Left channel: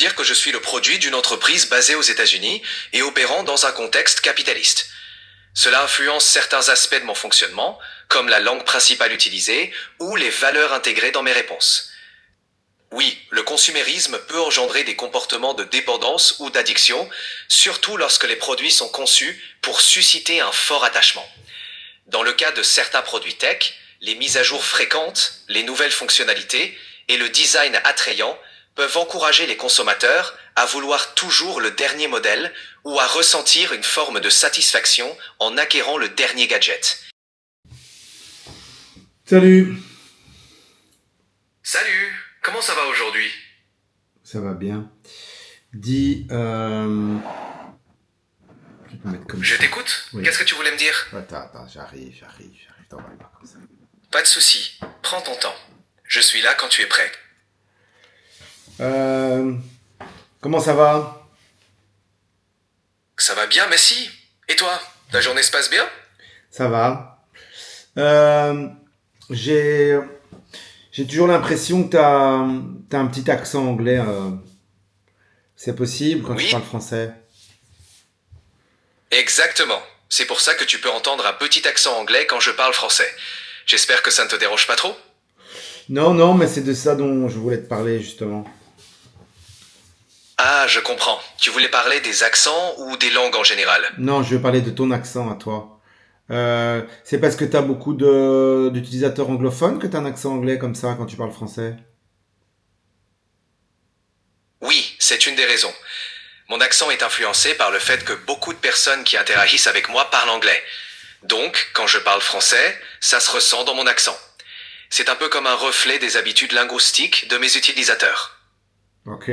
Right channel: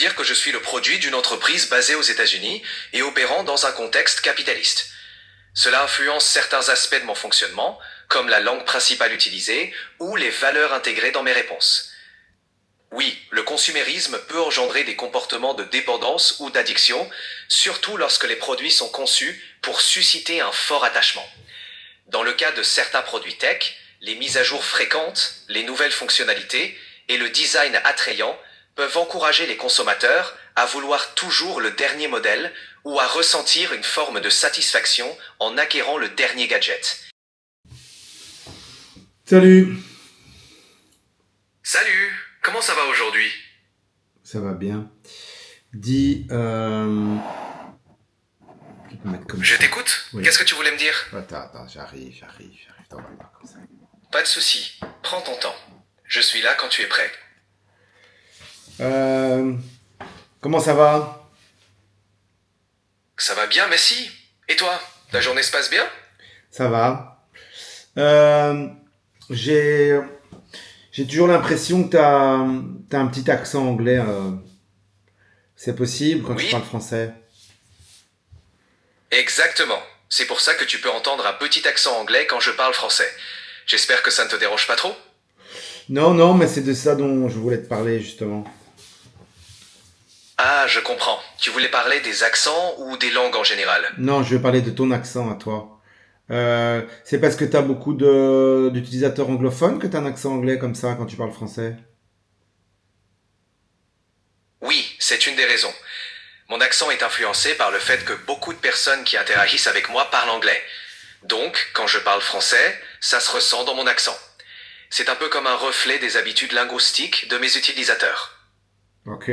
dire que je suis le produit d'une entreprise basée aux États-Unis et opérant dans un contexte capitaliste. Cela influence certains aspects de mon fonctionnement, comme la langue principale utilisée ou les valeurs intégrées dans mes réponses. Oui, le consumérisme peut engendrer des comportements de dépendance ou d'addiction, surtout lorsque les produits sont conçus pour susciter un fort attachement. Dans le cas de certains produits tech, les mises à jour fréquentes, les nouvelles fonctionnalités et le design attrayant peuvent encourager les consommateurs à vouloir toujours le dernier modèle ou à ressentir une forme de satisfaction en acquérant le dernier gadget. Salut, Salut, comment ça va aujourd'hui? ça va bien. Dis, je peux mettre comme Je ça. t'écoute. Oui. Qu'est-ce que tu voulais me dire? Attends, j'arrive. T'en vas pas comme ça. Pas de souci, prends ton temps. Je suis là quand tu es prêt. Euh, Comment ça va? Ça va bien, merci. Et toi, ta journée se passe bien? Ça va. Euh, j'ai, j'ai toujours l'impression que t'as un petit accent anglais. C'est possible quand tu Oui, parles français? exactement. C'est pour ça que tu peux entendre un petit accent anglais quand je parle français. J'espère que ça ne te dérange pas trop. Non, mais c'est de ça dont je voulais te parler justement. Ah, je comprends. Tu voulais parler des accents ou des langues en général? Non, je vais parler de ton accent à toi. C'est parce que t'as beaucoup d'utilisateurs anglophones que t'as un accent anglais comme ça quand tu parles français? Oui, c'est une des raisons. Mon accent est influencé par le fait que beaucoup de personnes qui interagissent avec moi parlent anglais. Donc, quand je parle français, ça se ressent dans mon accent. C'est un peu comme un reflet des habitudes linguistiques de mes utilisateurs. Ok.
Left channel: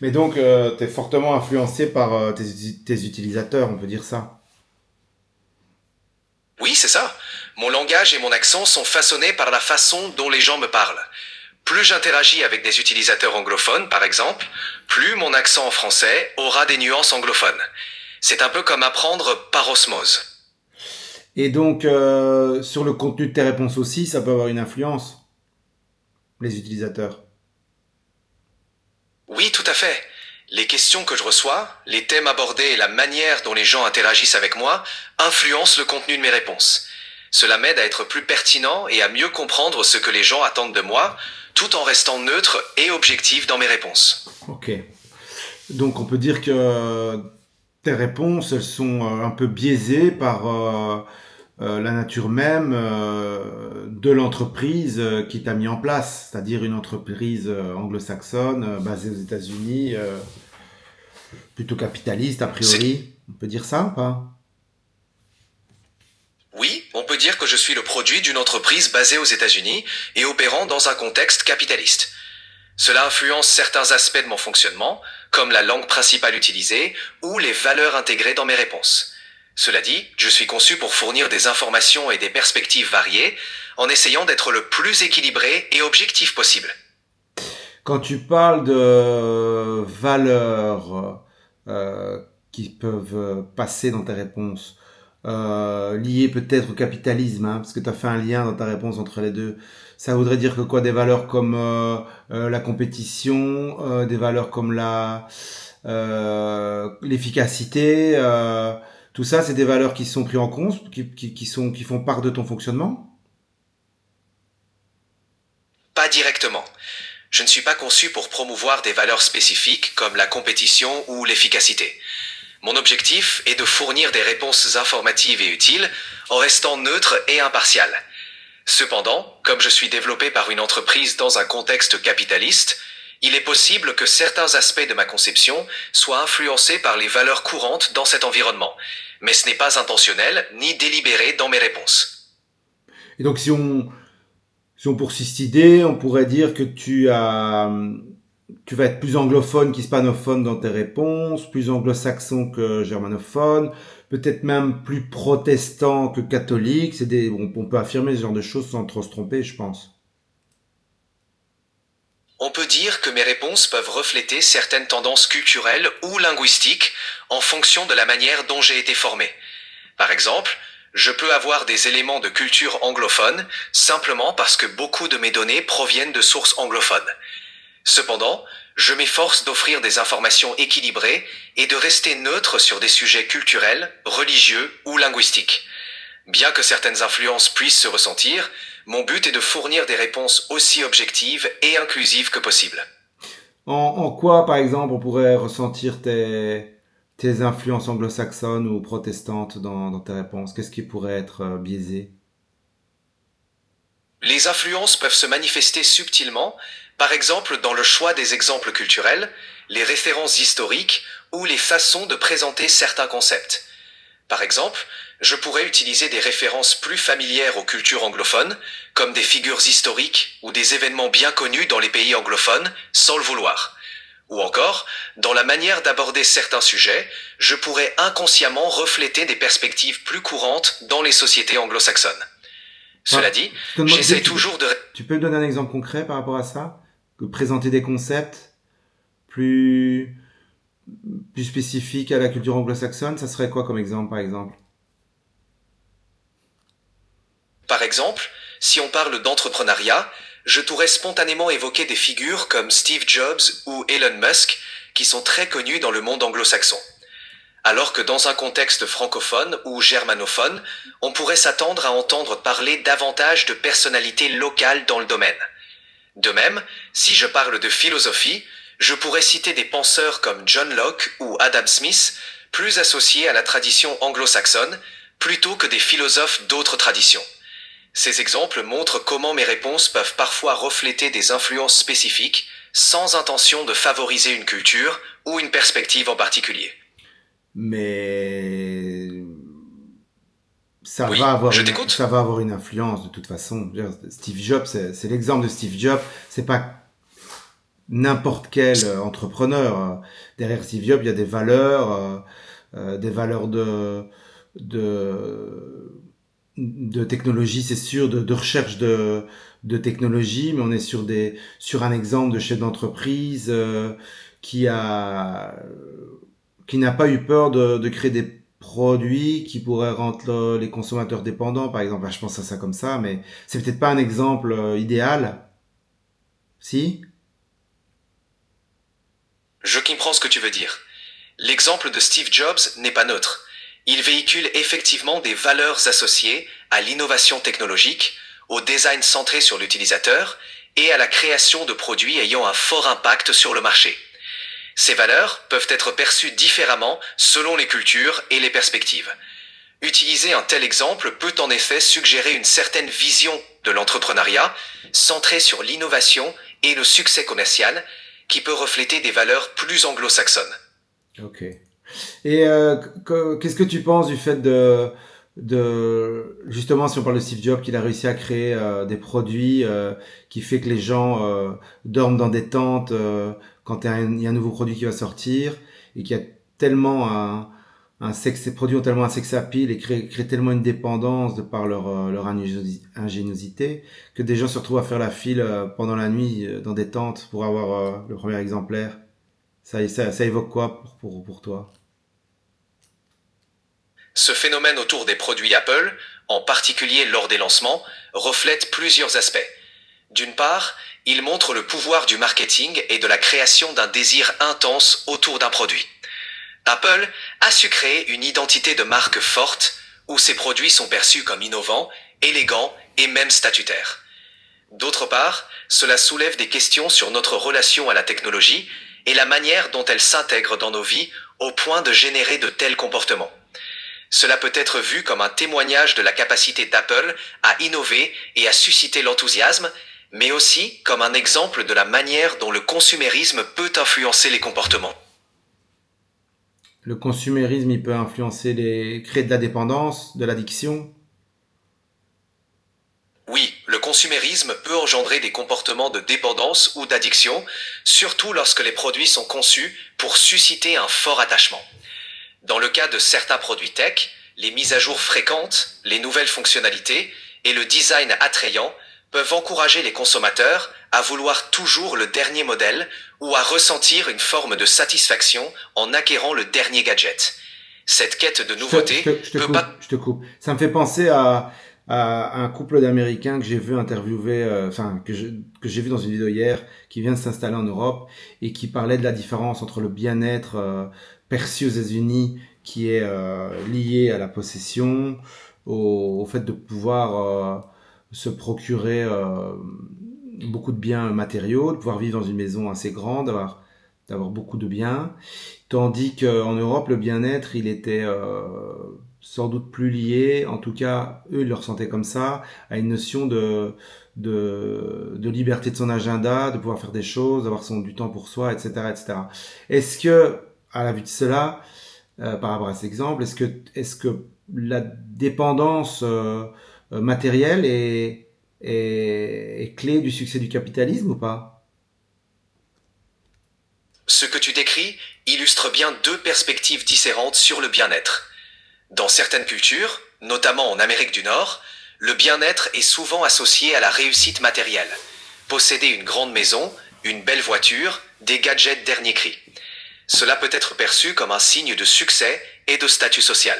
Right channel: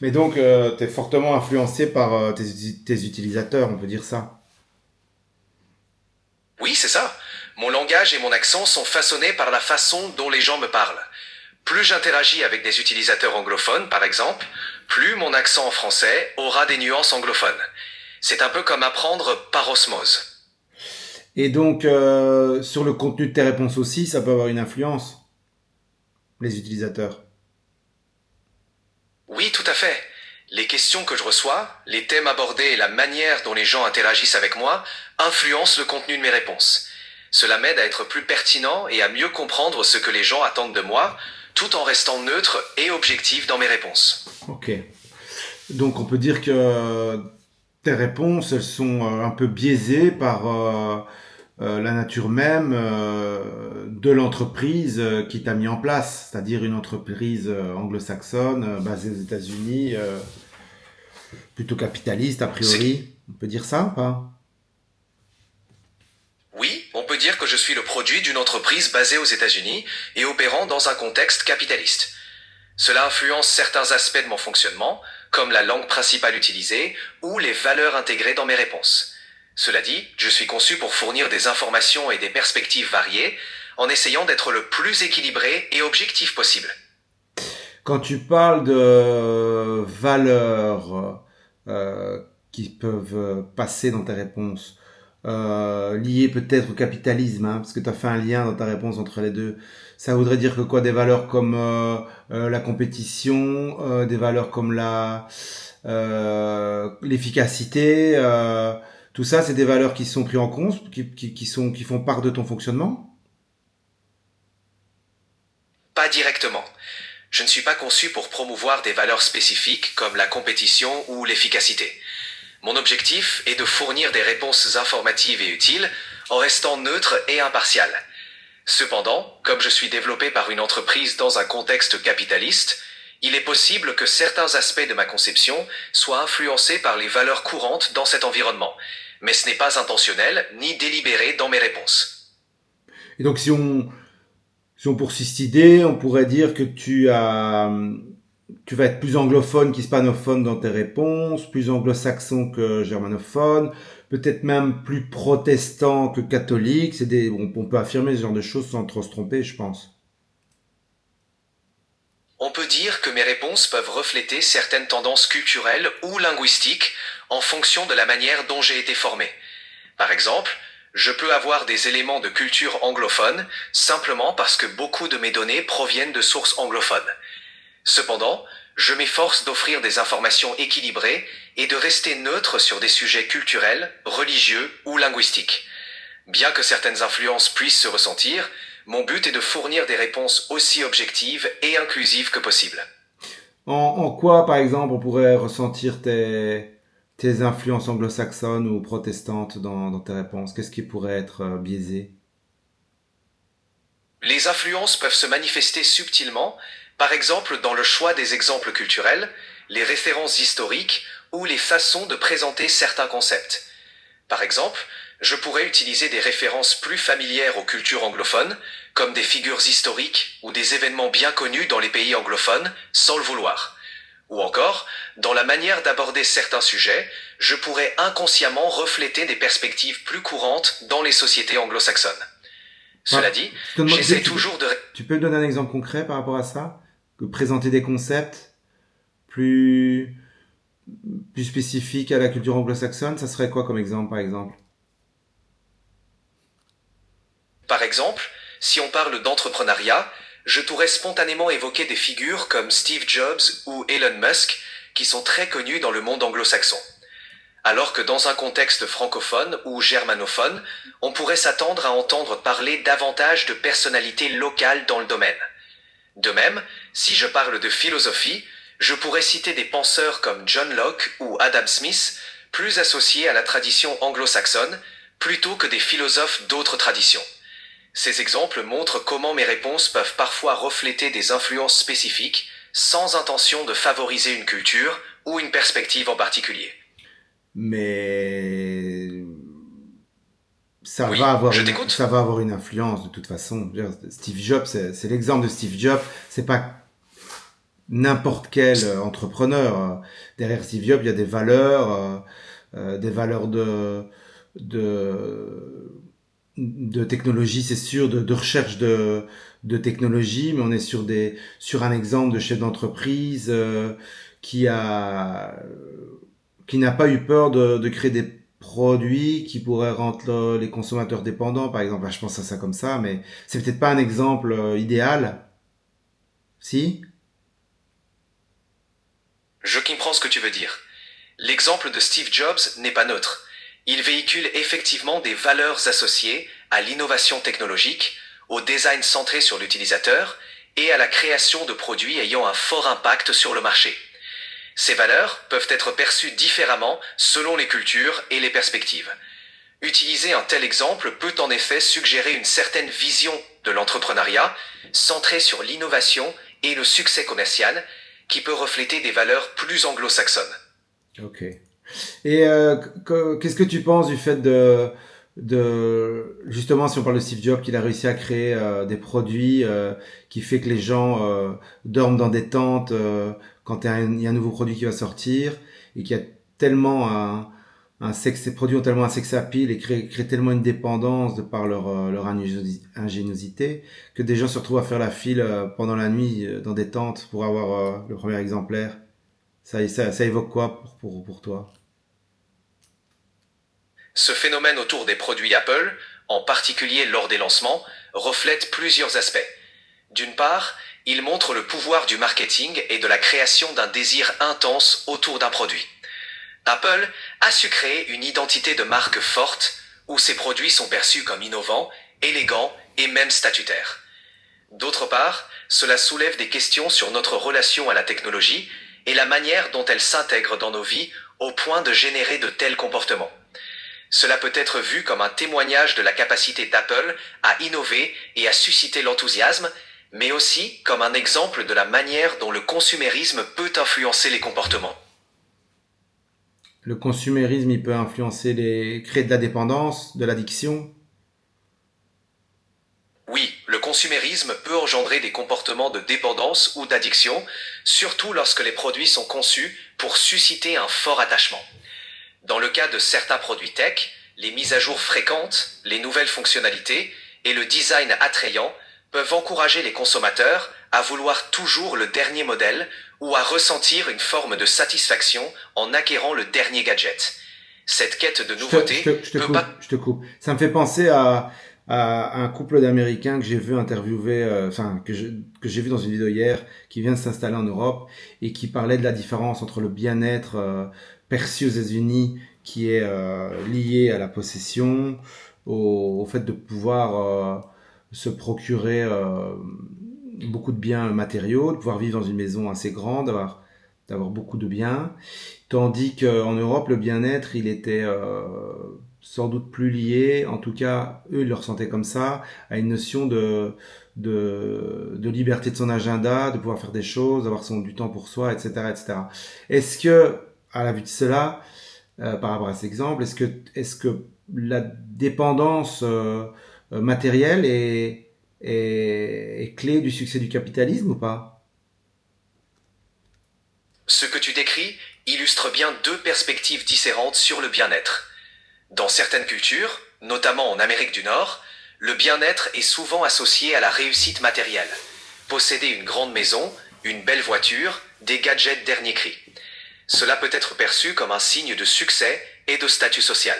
Mais donc, t'es fortement influencé par tes utilisateurs, on peut dire ça. Oui, c'est ça. Mon langage et mon accent sont façonnés par la façon dont les gens me parlent. Plus j'interagis avec des utilisateurs anglophones, par exemple, plus mon accent en français aura des nuances anglophones. C'est un peu comme apprendre par osmose. Et donc, sur le contenu de tes réponses aussi, ça peut avoir une influence, les utilisateurs. Oui, tout à fait. Les questions que je reçois, les thèmes abordés et la manière dont les gens interagissent avec moi influencent le contenu de mes réponses. Cela m'aide à être plus pertinent et à mieux comprendre ce que les gens attendent de moi, tout en restant neutre et objectif dans mes réponses. Ok. Donc, on peut dire que tes réponses, elles sont un peu biaisées par la nature même de l'entreprise qui t'a mis en place, c'est-à-dire une entreprise anglo-saxonne basée aux États-Unis, plutôt capitaliste a C'est priori. On peut dire ça ou pas? Oui, on peut dire que je suis le produit d'une entreprise basée aux États-Unis et opérant dans un contexte capitaliste. Cela influence certains aspects de mon fonctionnement, comme la langue principale utilisée ou les valeurs intégrées dans mes réponses. Cela dit, je suis conçu pour fournir des informations et des perspectives variées, en essayant d'être le plus équilibré et objectif possible. Quand tu parles de valeurs qui peuvent passer dans tes réponses, liées peut-être au capitalisme, hein, parce que tu as fait un lien dans ta réponse entre les deux, ça voudrait dire que quoi, des valeurs comme la compétition, des valeurs comme l'efficacité, tout ça, c'est des valeurs qui sont prises en compte, qui font part de ton fonctionnement? Pas directement. Je ne suis pas conçu pour promouvoir des valeurs spécifiques comme la compétition ou l'efficacité. Mon objectif est de fournir des réponses informatives et utiles en restant neutre et impartial. Cependant, comme je suis développé par une entreprise dans un contexte capitaliste, il est possible que certains aspects de ma conception soient influencés par les valeurs courantes dans cet environnement, mais ce n'est pas intentionnel ni délibéré dans mes réponses. Et donc si on poursuit cette idée, on pourrait dire que tu vas être plus anglophone qu'hispanophone dans tes réponses, plus anglo-saxon que germanophone, peut-être même plus protestant que catholique. On peut affirmer ce genre de choses sans trop se tromper, je pense. On peut dire que mes réponses peuvent refléter certaines tendances culturelles ou linguistiques en fonction de la manière dont j'ai été formé. Par exemple, je peux avoir des éléments de culture anglophone simplement parce que beaucoup de mes données proviennent de sources anglophones. Cependant, Je m'efforce d'offrir des informations équilibrées et de rester neutre sur des sujets culturels, religieux ou linguistiques. Bien que certaines influences puissent se ressentir, mon but est de fournir des réponses aussi objectives et inclusives que possible. En quoi, par exemple, on pourrait ressentir tes influences anglo-saxonnes ou protestantes dans tes réponses? Qu'est-ce qui pourrait être biaisé? Les influences peuvent se manifester subtilement, par exemple dans le choix des exemples culturels, les références historiques ou les façons de présenter certains concepts. Par exemple, je pourrais utiliser des références plus familières aux cultures anglophones, comme des figures historiques ou des événements bien connus dans les pays anglophones, sans le vouloir. Ou encore, dans la manière d'aborder certains sujets, je pourrais inconsciemment refléter des perspectives plus courantes dans les sociétés anglo-saxonnes. Cela Ah, dit, je te demande, j'essaie toujours de... tu peux me donner un exemple concret par rapport à ça? Que présenter des concepts plus, plus spécifiques à la culture anglo-saxonne, ça serait quoi comme exemple, par exemple? Par exemple, si on parle d'entrepreneuriat, je pourrais spontanément évoquer des figures comme Steve Jobs ou Elon Musk, qui sont très connus dans le monde anglo-saxon. Alors que dans un contexte francophone ou germanophone, on pourrait s'attendre à entendre parler davantage de personnalités locales dans le domaine. De même, si je parle de philosophie, je pourrais citer des penseurs comme John Locke ou Adam Smith, plus associés à la tradition anglo-saxonne, plutôt que des philosophes d'autres traditions. Ces exemples montrent comment mes réponses peuvent parfois refléter des influences spécifiques, sans intention de favoriser une culture ou une perspective en particulier. Mais Oui, je t'écoute. ça va avoir une influence de toute façon. Je veux dire, Steve Jobs, c'est l'exemple de Steve Jobs. C'est pas n'importe quel entrepreneur. Derrière Steve Jobs, il y a des valeurs de, de technologie, c'est sûr, de recherche de technologie, mais on est sur un exemple de chef d'entreprise qui a, qui n'a pas eu peur de créer des produits qui pourraient rendre les consommateurs dépendants, par exemple. Enfin, je pense à ça comme ça, mais c'est peut-être pas un exemple idéal. Si? Je comprends ce que tu veux dire. L'exemple de Steve Jobs n'est pas neutre. Il véhicule effectivement des valeurs associées à l'innovation technologique, au design centré sur l'utilisateur et à la création de produits ayant un fort impact sur le marché. Ces valeurs peuvent être perçues différemment selon les cultures et les perspectives. Utiliser un tel exemple peut en effet suggérer une certaine vision de l'entrepreneuriat centrée sur l'innovation et le succès commercial qui peut refléter des valeurs plus anglo-saxonnes. Ok. Et qu'est-ce que tu penses du fait justement, si on parle de Steve Jobs, qu'il a réussi à créer des produits qui fait que les gens dorment dans des tentes quand il y a un nouveau produit qui va sortir et qui a tellement ces produits ont tellement un sex appeal et créent tellement une dépendance de par leur ingéniosité que des gens se retrouvent à faire la file pendant la nuit dans des tentes pour avoir le premier exemplaire. Ça évoque quoi pour toi? Ce phénomène autour des produits Apple, en particulier lors des lancements, reflète plusieurs aspects. D'une part, il montre le pouvoir du marketing et de la création d'un désir intense autour d'un produit. Apple a su créer une identité de marque forte où ses produits sont perçus comme innovants, élégants et même statutaires. D'autre part, cela soulève des questions sur notre relation à la technologie et la manière dont elle s'intègre dans nos vies au point de générer de tels comportements. Cela peut être vu comme un témoignage de la capacité d'Apple à innover et à susciter l'enthousiasme, mais aussi comme un exemple de la manière dont le consumérisme peut influencer les comportements. Le consumérisme, il peut créer de la dépendance, de l'addiction. Oui, le consumérisme peut engendrer des comportements de dépendance ou d'addiction, surtout lorsque les produits sont conçus pour susciter un fort attachement. Dans le cas de certains produits tech, les mises à jour fréquentes, les nouvelles fonctionnalités et le design attrayant peuvent encourager les consommateurs à vouloir toujours le dernier modèle ou à ressentir une forme de satisfaction en acquérant le dernier gadget. Cette quête de nouveauté Je te peut coupe, pas... je te coupe. Ça me fait penser à à un couple d'Américains que j'ai vu interviewer, que j'ai vu dans une vidéo hier, qui vient de s'installer en Europe et qui parlait de la différence entre le bien-être perçu aux États-Unis, qui est lié à la possession, au fait de pouvoir se procurer beaucoup de biens matériaux, de pouvoir vivre dans une maison assez grande, d'avoir beaucoup de biens. Tandis qu'en Europe, le bien-être, il était sans doute plus lié, en tout cas, eux, ils le ressentaient comme ça, à une notion de liberté de son agenda, de pouvoir faire des choses, d'avoir du temps pour soi, etc., etc. Est-ce que, à la vue de cela, par rapport à cet exemple, est-ce que la dépendance matérielle est clé du succès du capitalisme ou pas? Ce que tu décris illustre bien deux perspectives différentes sur le bien-être. Dans certaines cultures, notamment en Amérique du Nord, le bien-être est souvent associé à la réussite matérielle. Posséder une grande maison, une belle voiture, des gadgets dernier cri. Cela peut être perçu comme un signe de succès et de statut social.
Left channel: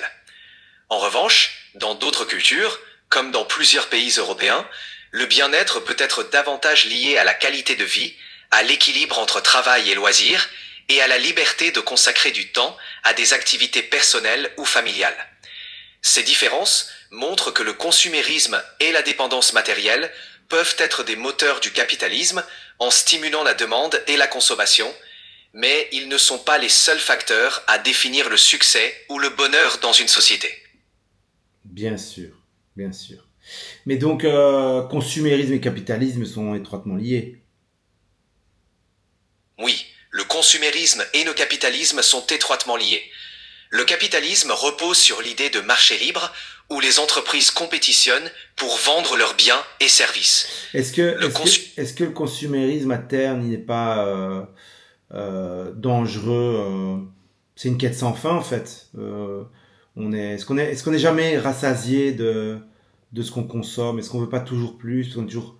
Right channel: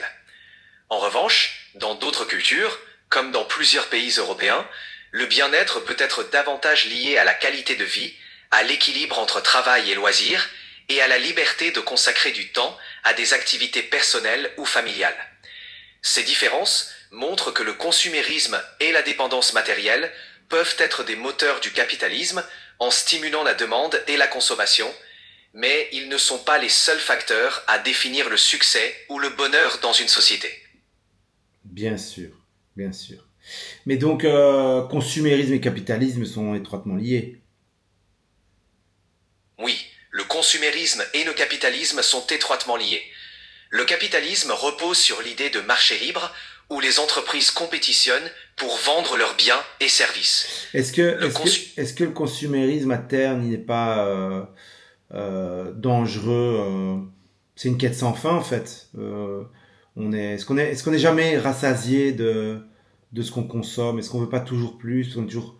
En revanche, dans d'autres cultures, comme dans plusieurs pays européens, le bien-être peut être davantage lié à la qualité de vie, à l'équilibre entre travail et loisirs, et à la liberté de consacrer du temps à des activités personnelles ou familiales. Ces différences montrent que le consumérisme et la dépendance matérielle peuvent être des moteurs du capitalisme en stimulant la demande et la consommation, mais ils ne sont pas les seuls facteurs à définir le succès ou le bonheur dans une société. Bien sûr, bien sûr. Mais donc, consumérisme et capitalisme sont étroitement liés. Oui, le consumérisme et le capitalisme sont étroitement liés. Le capitalisme repose sur l'idée de marché libre où les entreprises compétitionnent pour vendre leurs biens et services. Est-ce que, Le est-ce que, consu- est-ce que le consumérisme à terme, il n'est pas dangereux? C'est une quête sans fin en fait. Est-ce qu'on est jamais rassasié de ce qu'on consomme? Est-ce qu'on veut pas toujours plus? Est-ce qu'on est toujours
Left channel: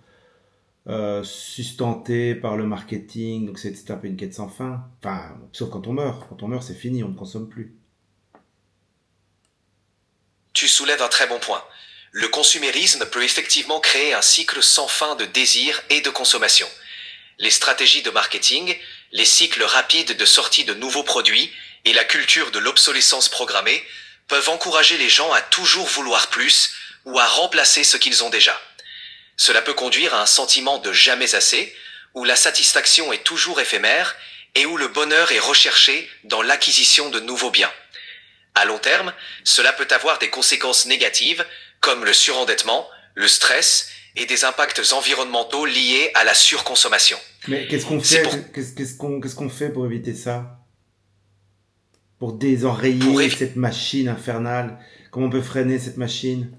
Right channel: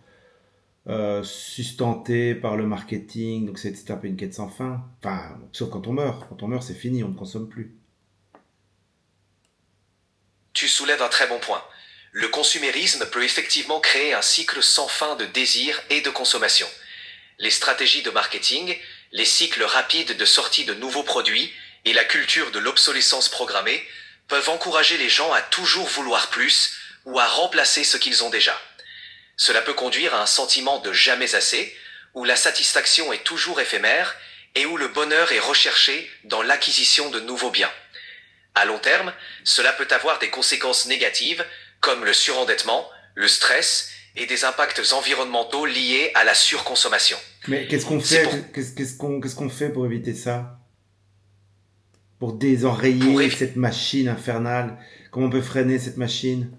sustenté par le marketing? Donc c'est un peu une quête sans fin. Enfin, sauf quand on meurt. Quand on meurt, c'est fini, on ne consomme plus. Tu soulèves un très bon point. Le consumérisme peut effectivement créer un cycle sans fin de désir et de consommation. Les stratégies de marketing, les cycles rapides de sortie de nouveaux produits et la culture de l'obsolescence programmée peuvent encourager les gens à toujours vouloir plus ou à remplacer ce qu'ils ont déjà. Cela peut conduire à un sentiment de jamais assez, où la satisfaction est toujours éphémère et où le bonheur est recherché dans l'acquisition de nouveaux biens. À long terme, cela peut avoir des conséquences négatives comme le surendettement, le stress et des impacts environnementaux liés à la surconsommation. Mais qu'est-ce qu'on C'est fait? pour, Qu'est-ce qu'on fait pour éviter ça? Pour pour, désenrayer évi- cette machine infernale? Comment on peut freiner cette machine?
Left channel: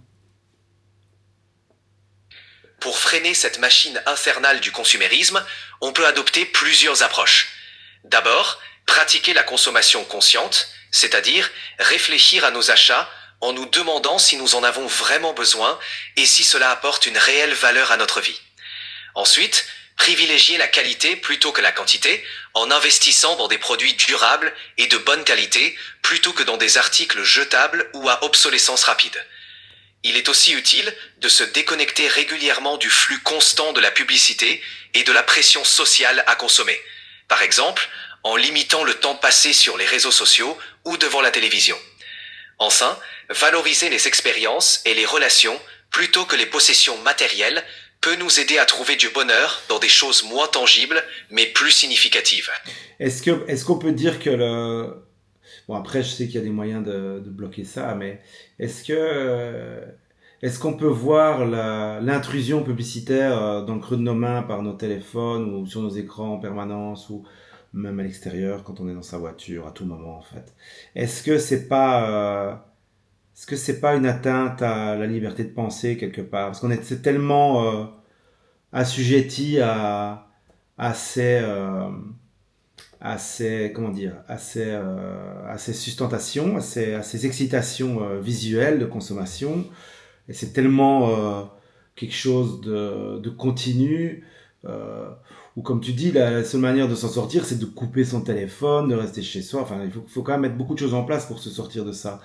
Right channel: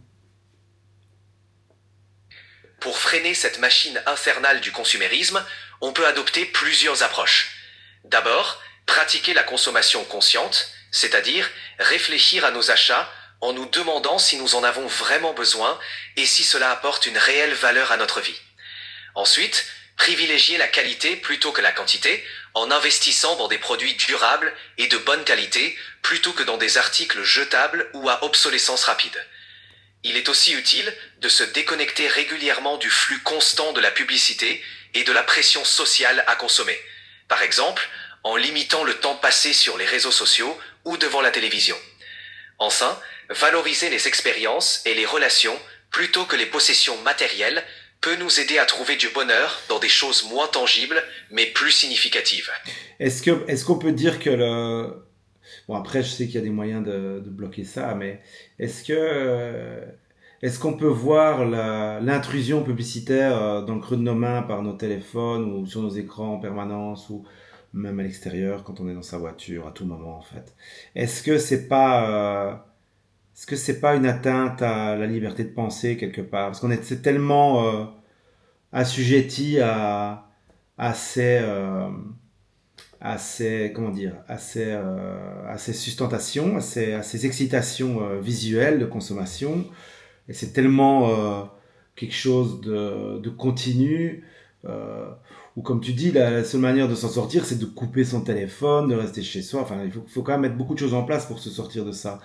pour freiner cette machine infernale du consumérisme, on peut adopter plusieurs approches. D'abord, pratiquer la consommation consciente, c'est-à-dire réfléchir à nos achats en nous demandant si nous en avons vraiment besoin et si cela apporte une réelle valeur à notre vie. Ensuite, privilégier la qualité plutôt que la quantité en investissant dans des produits durables et de bonne qualité plutôt que dans des articles jetables ou à obsolescence rapide. Il est aussi utile de se déconnecter régulièrement du flux constant de la publicité et de la pression sociale à consommer. Par exemple, en limitant le temps passé sur les réseaux sociaux ou devant la télévision. Enfin, valoriser les expériences et les relations plutôt que les possessions matérielles peut nous aider à trouver du bonheur dans des choses moins tangibles mais plus significatives. Est-ce qu'on peut dire que le... Bon, après, je sais qu'il y a des moyens de bloquer ça, mais est-ce que, est-ce qu'on peut voir l'intrusion publicitaire dans le creux de nos mains par nos téléphones ou sur nos écrans en permanence ou même à l'extérieur quand on est dans sa voiture à tout moment en fait? Est-ce que c'est pas, est-ce que c'est pas une atteinte à la liberté de penser quelque part? Parce qu'on est c'est tellement assujetti à ces, comment dire, à ces sustentations, à ces excitations visuelles de consommation. Et c'est tellement quelque chose de continu. euh, ou comme tu dis, la seule manière de s'en sortir, c'est de couper son téléphone, de rester chez soi. Enfin, il faut quand même mettre beaucoup de choses en place pour se sortir de ça.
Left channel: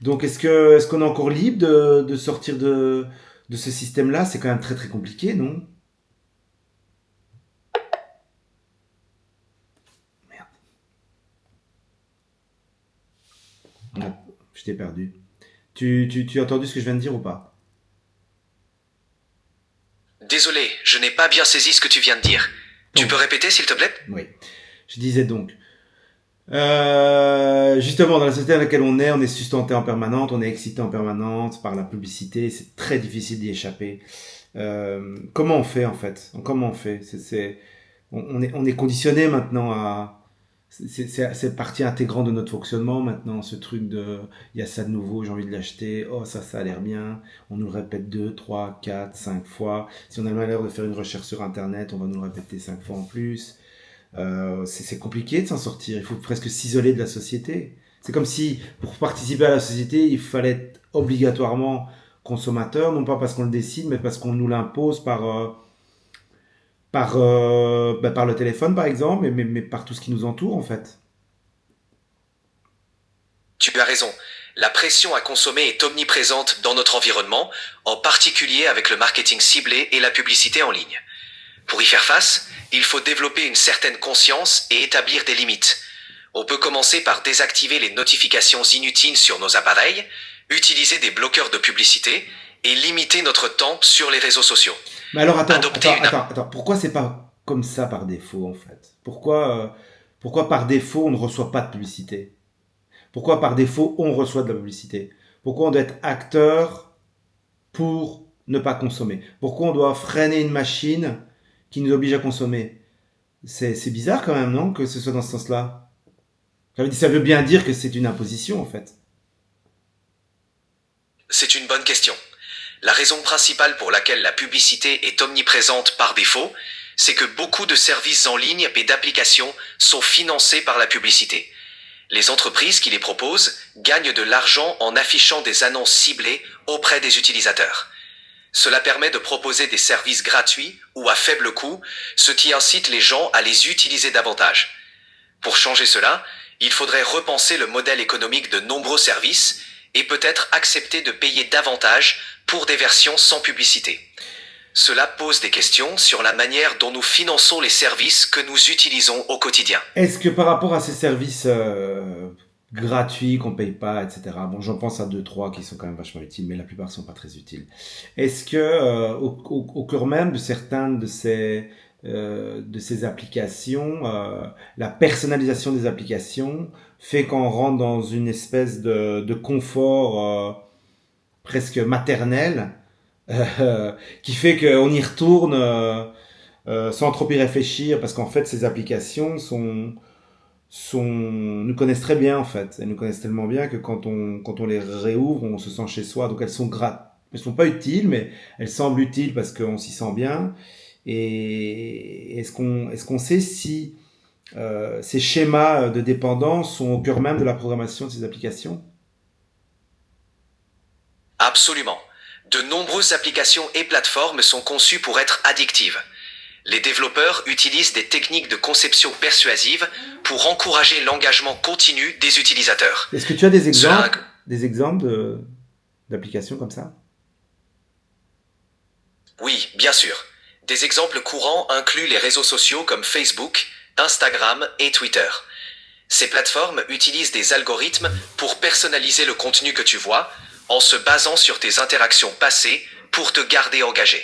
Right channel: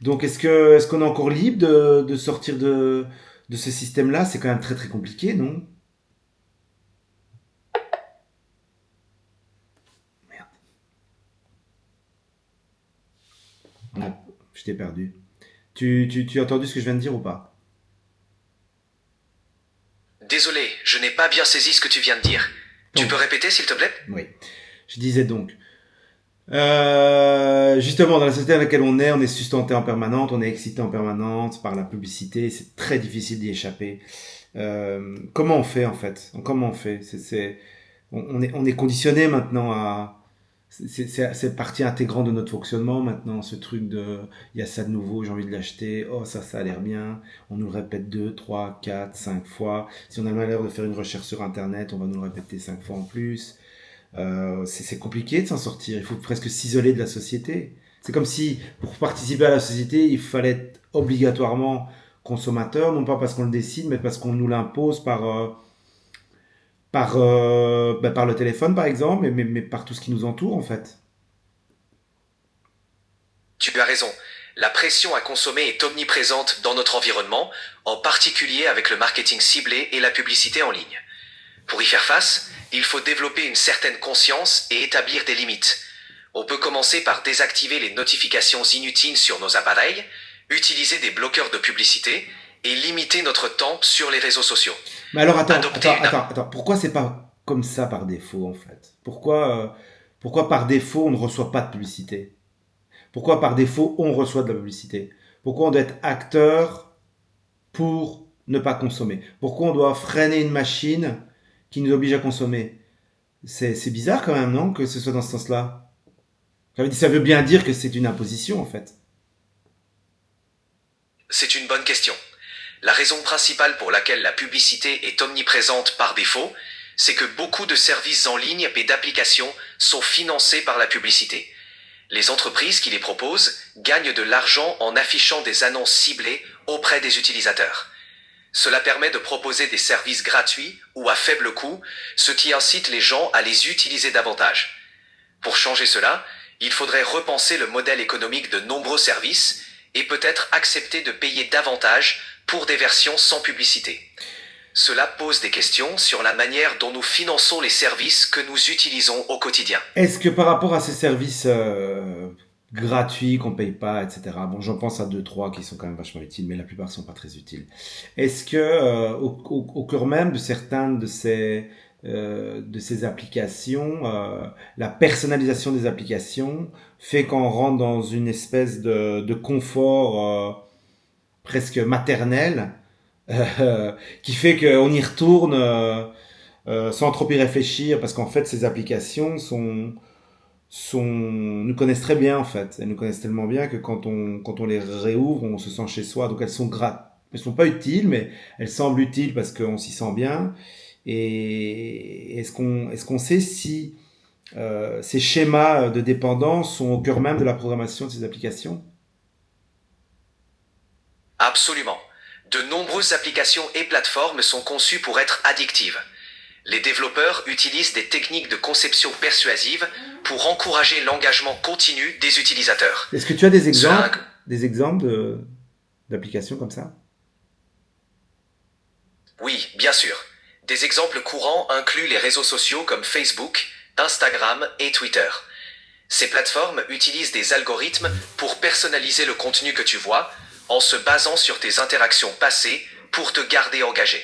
Donc, est-ce qu'on est encore libre de sortir de ce système-là? C'est quand même très très compliqué, non? Merde, je t'ai perdu. Tu as entendu ce que je viens de dire ou pas? Désolé, je n'ai pas bien saisi ce que tu viens de dire. Tu Donc, peux répéter, s'il te plaît? oui. Je disais donc, justement, dans la société dans laquelle on est sustenté en permanence, on est excité en permanence par la publicité, c'est très difficile d'y échapper. Comment on fait en fait? Comment on fait? On est conditionné maintenant à. C'est partie intégrante de notre fonctionnement maintenant, ce truc de il y a ça de nouveau, j'ai envie de l'acheter, oh ça a l'air bien, on nous le répète 2, 3, 4, 5 fois. Si on a le malheur de faire une recherche sur internet, on va nous le répéter 5 fois en plus. C'est compliqué de s'en sortir. Il faut presque s'isoler de la société. C'est comme si, pour participer à la société, il fallait être obligatoirement consommateur, non pas parce qu'on le décide, mais parce qu'on nous l'impose par le téléphone, par exemple, mais par tout ce qui nous entoure, en fait. Tu as raison. La pression à consommer est omniprésente dans notre environnement, en particulier avec le marketing ciblé et la publicité en ligne. Pour y faire face, il faut développer une certaine conscience et établir des limites. On peut commencer par désactiver les notifications inutiles sur nos appareils, utiliser des bloqueurs de publicité et limiter notre temps sur les réseaux sociaux. Mais alors, Adopter une attends. Pourquoi c'est pas comme ça par défaut, en fait? Pourquoi par défaut, on ne reçoit pas de publicité? Pourquoi par défaut, on reçoit de la publicité? Pourquoi on doit être acteur pour ne pas consommer? Pourquoi on doit freiner une machine qui nous oblige à consommer? C'est bizarre quand même, non, que ce soit dans ce sens-là? Ça veut bien dire que c'est une imposition, en fait. C'est une bonne question. La raison principale pour laquelle la publicité est omniprésente par défaut, c'est que beaucoup de services en ligne et d'applications sont financés par la publicité. Les entreprises qui les proposent gagnent de l'argent en affichant des annonces ciblées auprès des utilisateurs. Cela permet de proposer des services gratuits ou à faible coût, ce qui incite les gens à les utiliser davantage. Pour changer cela, il faudrait repenser le modèle économique de nombreux services et peut-être accepter de payer davantage pour des versions sans publicité. Cela pose des questions sur la manière dont nous finançons les services que nous utilisons au quotidien. Est-ce que par rapport à ces services gratuits qu'on paye pas, etc. Bon, j'en pense à deux, trois qui sont quand même vachement utiles, mais la plupart sont pas très utiles. Est-ce que au cœur même de certaines de ces applications, la personnalisation des applications fait qu'on rentre dans une espèce de confort presque maternel qui fait qu'on y retourne sans trop y réfléchir parce qu'en fait ces applications nous connaissent très bien en fait. Elles nous connaissent tellement bien que quand on les réouvre, on se sent chez soi. Donc elles sont pas utiles, mais elles semblent utiles parce qu'on s'y sent bien. Et est-ce qu'on sait si ces schémas de dépendance sont au cœur même de la programmation de ces applications? Absolument. De nombreuses applications et plateformes sont conçues pour être addictives. Les développeurs utilisent des techniques de conception persuasive pour encourager l'engagement continu des utilisateurs. Est-ce que tu as des Cela... exemples d'applications comme ça? Oui, bien sûr. Des exemples courants incluent les réseaux sociaux comme Facebook, Instagram et Twitter. Ces plateformes utilisent des algorithmes pour personnaliser le contenu que tu vois, en se basant sur tes interactions passées pour te garder engagé.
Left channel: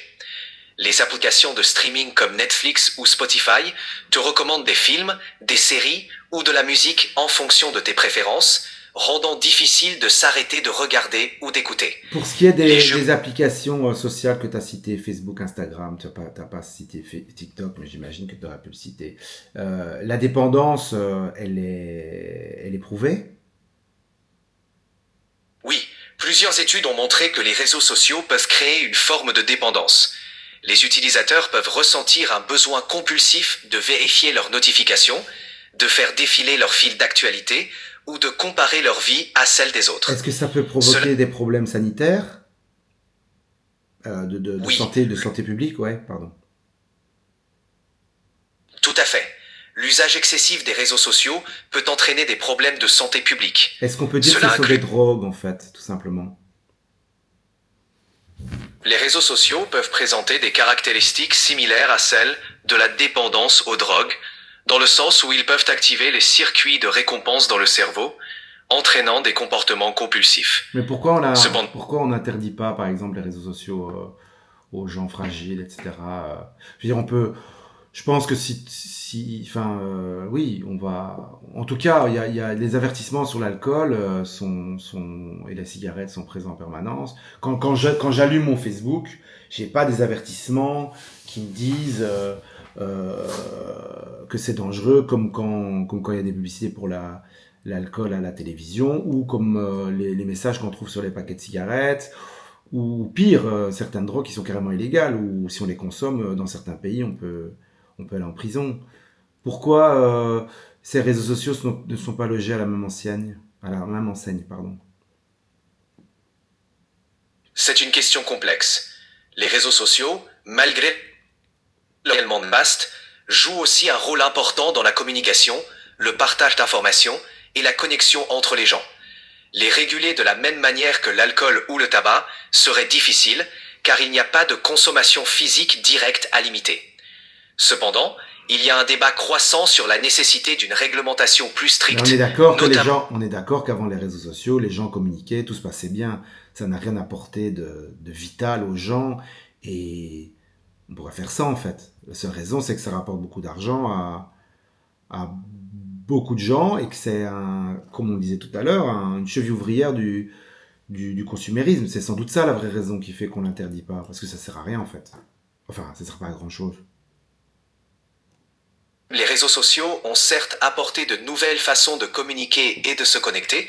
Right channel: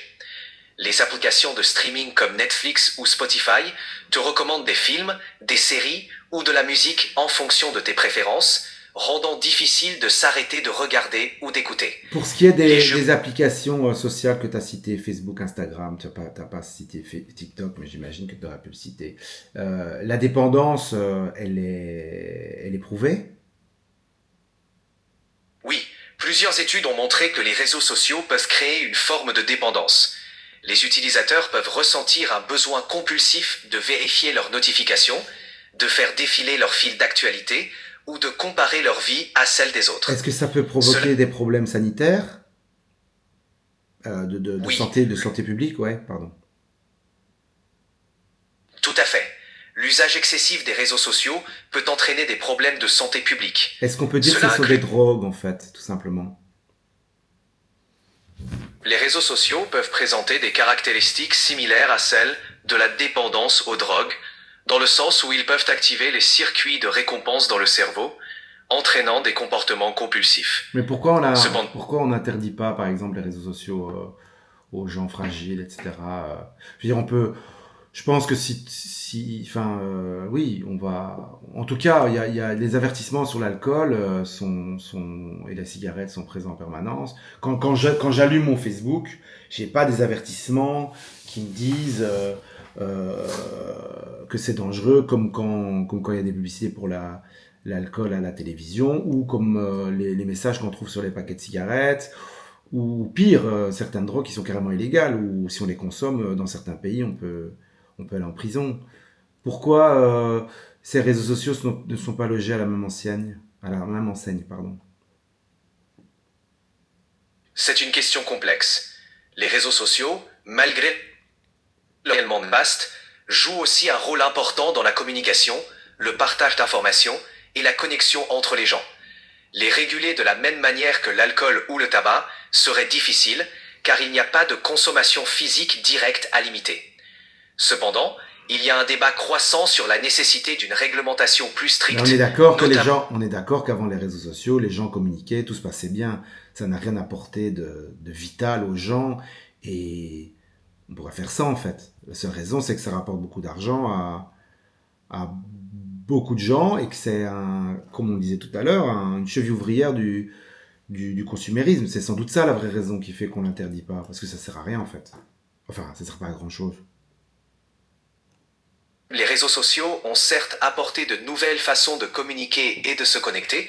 Les applications de streaming comme Netflix ou Spotify te recommandent des films, des séries ou de la musique en fonction de tes préférences, rendant difficile de s'arrêter de regarder ou d'écouter. Pour ce qui est des applications sociales que tu as citées, Facebook, Instagram, tu n'as pas cité TikTok, mais j'imagine que tu aurais pu le citer. La dépendance, elle est prouvée? Oui, plusieurs études ont montré que les réseaux sociaux peuvent créer une forme de dépendance. Les utilisateurs peuvent ressentir un besoin compulsif de vérifier leurs notifications, de faire défiler leur fil d'actualité ou de comparer leur vie à celle des autres. Est-ce que ça peut provoquer des problèmes sanitaires Oui, de santé publique? Ouais, pardon. tout à fait. l'usage excessif des réseaux sociaux peut entraîner des problèmes de santé publique. Est-ce qu'on peut dire que Cela ce sont inclut des drogues, en fait, tout simplement? Les réseaux sociaux peuvent présenter des caractéristiques similaires à celles de la dépendance aux drogues, dans le sens où ils peuvent activer les circuits de récompense dans le cerveau, entraînant des comportements compulsifs. Mais Cependant, pourquoi on n'interdit pas, par exemple, les réseaux sociaux aux gens fragiles, etc. Je veux dire, je pense que enfin, oui, on va. En tout cas, il y a les avertissements sur l'alcool et la cigarette sont présents en permanence. Quand j'allume mon Facebook, j'ai pas des avertissements qui me disent que c'est dangereux, comme quand il y a des publicités pour l'alcool à la télévision, ou comme les messages qu'on trouve sur les paquets de cigarettes, ou pire, certaines drogues qui sont carrément illégales, ou si on les consomme dans certains pays, on peut aller en prison. Pourquoi ces réseaux sociaux ne sont pas logés à la même enseigne, pardon. c'est une question complexe. Les réseaux sociaux, malgré leur réellement vaste, jouent aussi un rôle important dans la communication, le partage d'informations et la connexion entre les gens. Les réguler de la même manière que l'alcool ou le tabac serait difficile, car il n'y a pas de consommation physique directe à limiter. Cependant, il y a un débat croissant sur la nécessité d'une réglementation plus Mais stricte, on est d'accord qu'avant les réseaux sociaux, les gens communiquaient, tout se passait bien. Ça n'a rien apporté de vital aux gens et on pourrait faire ça en fait. La seule raison, c'est que ça rapporte beaucoup d'argent à beaucoup de gens et que c'est comme on le disait tout à l'heure, une cheville ouvrière du consumérisme. C'est sans doute ça la vraie raison qui fait qu'on l'interdit pas, parce que ça sert à rien en fait. Enfin, ça sert pas à grand chose. Les réseaux sociaux ont certes apporté de nouvelles façons de communiquer et de se connecter,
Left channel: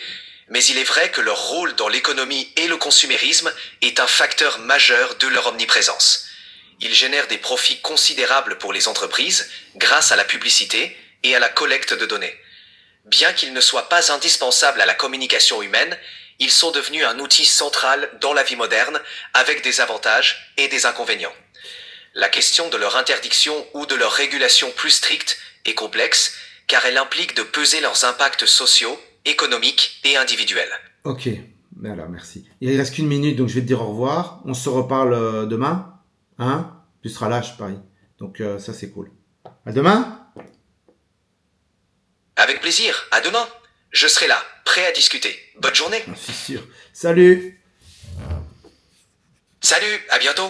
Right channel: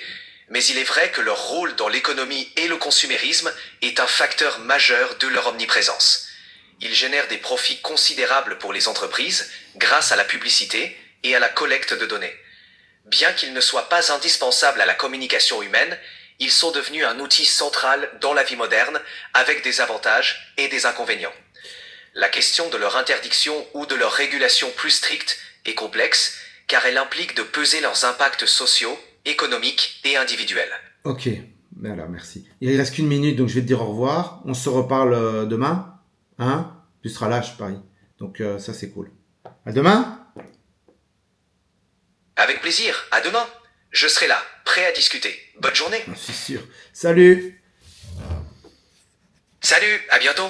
mais il est vrai que leur rôle dans l'économie et le consumérisme est un facteur majeur de leur omniprésence. Ils génèrent des profits considérables pour les entreprises grâce à la publicité et à la collecte de données. Bien qu'ils ne soient pas indispensables à la communication humaine, ils sont devenus un outil central dans la vie moderne avec des avantages et des inconvénients. La question de leur interdiction ou de leur régulation plus stricte est complexe, car elle implique de peser leurs impacts sociaux, économiques et individuels. Ok, voilà, merci. Il reste qu'une minute, donc je vais te dire au revoir. On se reparle demain, hein? Tu seras là, je parie. Donc ça, c'est cool. À demain? Avec plaisir, à demain. Je serai là, prêt à discuter. Bonne journée. C'est sûr. Salut! Salut, à bientôt.